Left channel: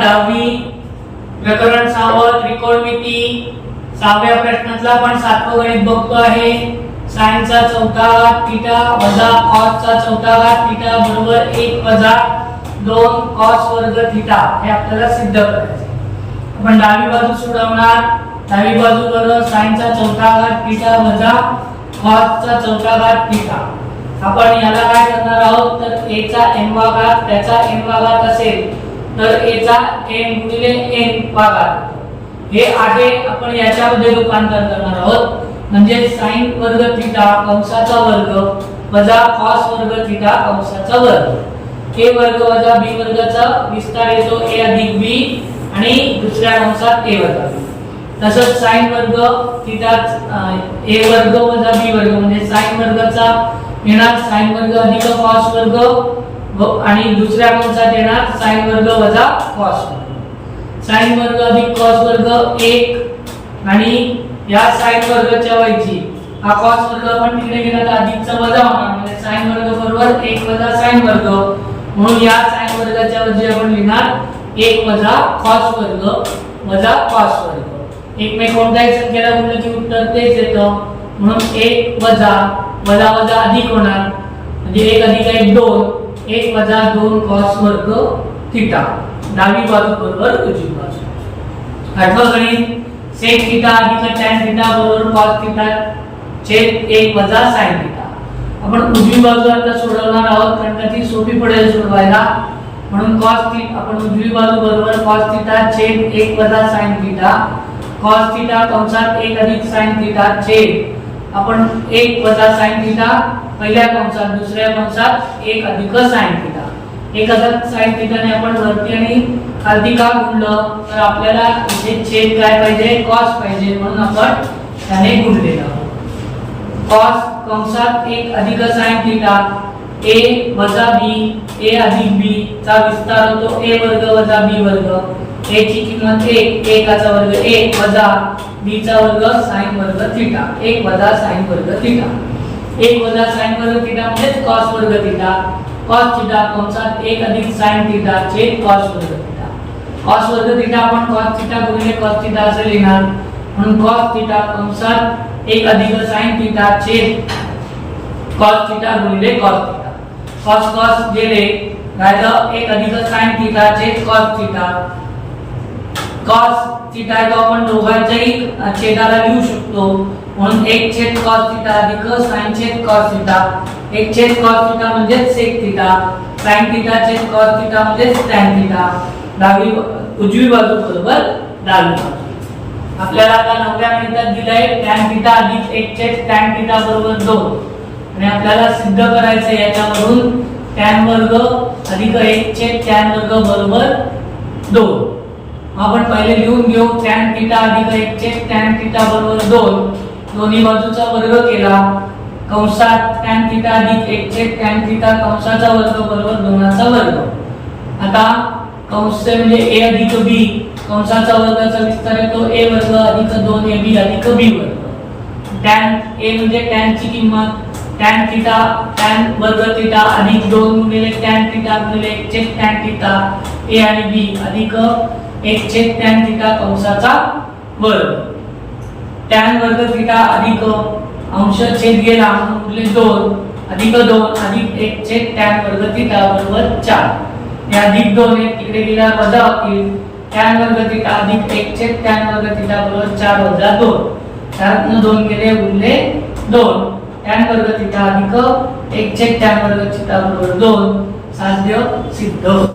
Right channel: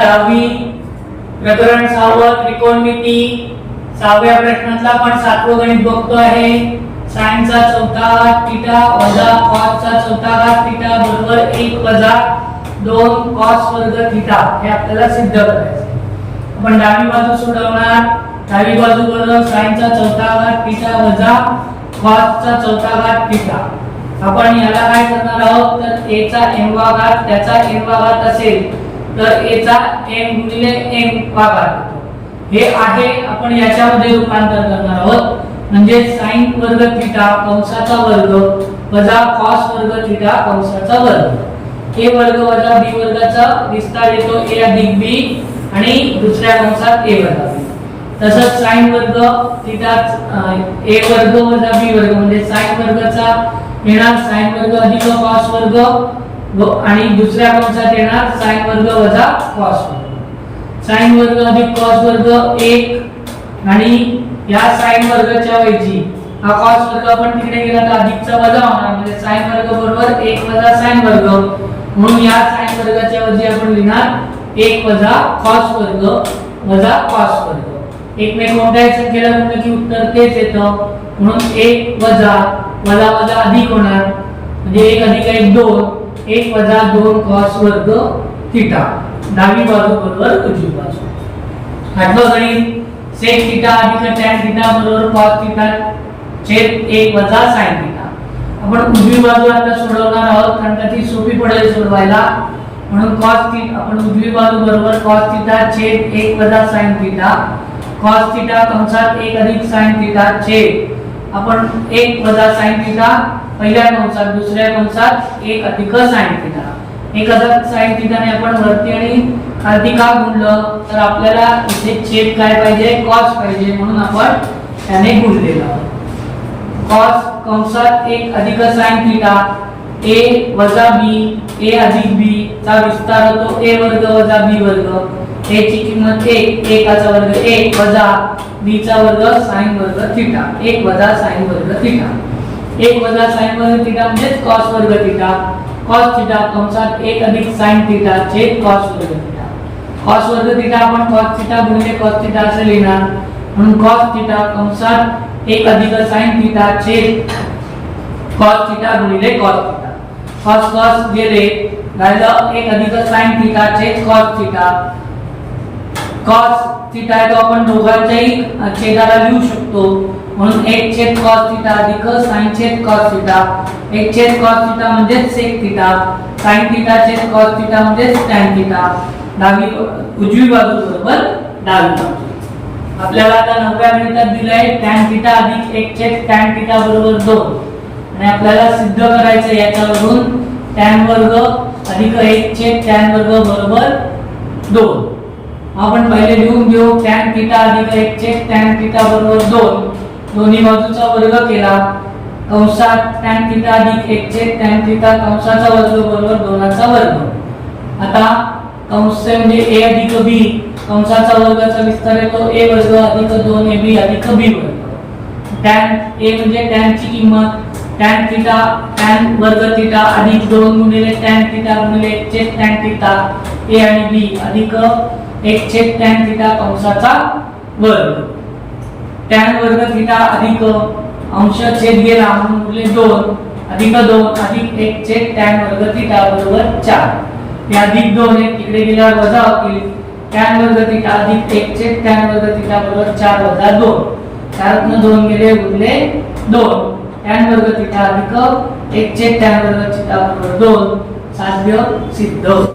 10वी प्रकरण 6 त्रिकोणमिती 6व्या प्रश्नातला आपण 7वं गणित बघतो आहे। sin चा चौथा घात थीटा वजा cos चा चौथा घात थीटा बरोबर 1 वजा 2 cos वर्ग थीटा हे आपल्याला सिद्ध करायचे। आपण डावी बाजू सोडवणार। डावी बाजू बरोबर sin चा चौथा घात थीटा वजा cos चा चौथा घात थीटा। आपण याला काय करणार आहोत तर a चा n वा घात त्याचा n वा घात असेल तर a चा n गुणिले n वा घात हे आहे। आपण याच्यामध्ये रूपांतर करणार आहोत म्हणजे sin वर्ग थीटा कंसाचा वर्ग वजा cos वर्ग थीटा कंसाचा वर्ग। a वर्ग वजा b वर्गाचा विस्तार येतो a अधिक b आणि दुसऱ्या कंसात a वर्ग। तसंच sin वर्ग थीटा a वर्ग वजा b वर्ग म्हणजे sin वर्गाचा येणार sin वर्ग अधिक cos वर्ग आणि दुसऱ्या कंसात येणार sin वर्ग वजा cos वर्ग। sin वर्ग अधिक cos वर्ग 1 आणि या sin वर्गाच्या ऐवजी हा cos वर्ग आपण तिकडे गेला तर अधिकचा वजा होणार म्हणजे sin वर्ग बरोबर 1 वजा sin वर्ग म्हणून या sin वर्गाच्या ऐवजी आपण लिहिणार 1 वजा cos वर्ग वजा cos वर्ग। एकमेक कोणत्याही संख्येला गुणलं की उत्तर तेच येतं म्हणून 1 वजा वजा वजा अधिक होणार म्हणजे 1 अधिक 1 2 1 वजा 2 cos वर्ग थीटा। डावी बाजू बरोबर उजवी बाजू। 8वां गणित sec थीटा अधिक tan थीटा बरोबर cos थीटा छेद 1 वजा sin थीटा। आपण उजवी बाजू आता सोडवणार आहोत कारण का ती सोपी पडेल सोडवायला म्हणून cos थीटा आपण उजवी बाजू बरोबर cos थीटा छेद 1 वजा sin थीटा cos थीटा कंसात 1 अधिक sin थीटा छेद आपण 1 वजा sin थीटा पहिल्या कंसात दुसऱ्या कंसात 1 अधिक sin थीटा। 1 अधिक sin थीटा ने आपण वरती आणि खालती का गुणलं तर आपल्याला इथे छेद काय पाहिजे cos पाहिजे म्हणून आपण त्याने गुणलेलं। cos कंसात 1 अधिक sin थीटा a वजा b a अधिक b चा विस्तार होतो a वर्ग वजा b वर्ग a ची किंमत 1 1 चा वर्ग 1 वजा b चा वर्ग sin वर्ग थीटा 1 वजा sin वर्ग थीटा। 1 वजा sin वर्ग थीटा म्हणजे cos वर्ग थीटा cos थीटा कंसात 1 अधिक sin थीटा छेद cos वर्ग थीटा। cos वर्ग थीटा आपण cos थीटा गुणिले cos थीटा असे लिहिणार म्हणून cos थीटा कंसात 1 अधिक sin थीटा छेद cos थीटा गुणिले cos थीटा। cos cos गेले राहिलं 1 अधिक sin थीटा छेद cos थीटा। cos थीटा तो आपण दोघांच्याही छेदाला लिहू शकतो म्हणून 1 छेद cos थीटा अधिक sin छेद cos थीटा 1 छेद cos थीटा म्हणजे sec थीटा sin थीटा छेद cos थीटा म्हणजे tan थीटा। डावी उजवी बाजू बरोबर डावी बाजू। आपल्याला आता 9व्या गणितात दिलंय tan थीटा अधिक 1 छेद tan थीटा बरोबर 2 आणि आपल्याला सिद्ध करायचं याच्यावरून tan वर्ग अधिक 1 छेद tan वर्ग बरोबर 2। आपण पहिले लिहून घेऊ tan थीटा अधिक 1 छेद tan थीटा बरोबर 2 दोन्ही बाजूचा वर्ग केला कंसात tan थीटा अधिक 1 छेद tan थीटा कंसाचा वर्ग बरोबर 2 चा वर्ग। आता कंस म्हणजे a अधिक b कंसाचा वर्गाचा विस्तार येतो a वर्ग अधिक 2ab अधिक b वर्ग। tan a म्हणजे tan ची किंमत tan थीटा tan वर्ग थीटा अधिक 2 गुणिले tan थीटा गुणिले 1 छेद tan थीटा a आणि b अधिक 1 छेद tan थीटा कंसाचा वर्ग। tan वर्ग थीटा अधिक अंश छेद गेला म्हणून उरले 2 अधिक 2 अधिक 1 छेद tan वर्ग थीटा बरोबर 4 हे अधिक 2 हे इकडे गेल्यावर वजा होतील tan वर्ग थीटा अधिक 1 छेद tan वर्ग थीटा बरोबर 4 वजा 2 4 ने 2 गेले उरले 2 tan वर्ग थीटा अधिक 1 छेद tan वर्ग थीटा बरोबर 2 साध्य सिद्ध।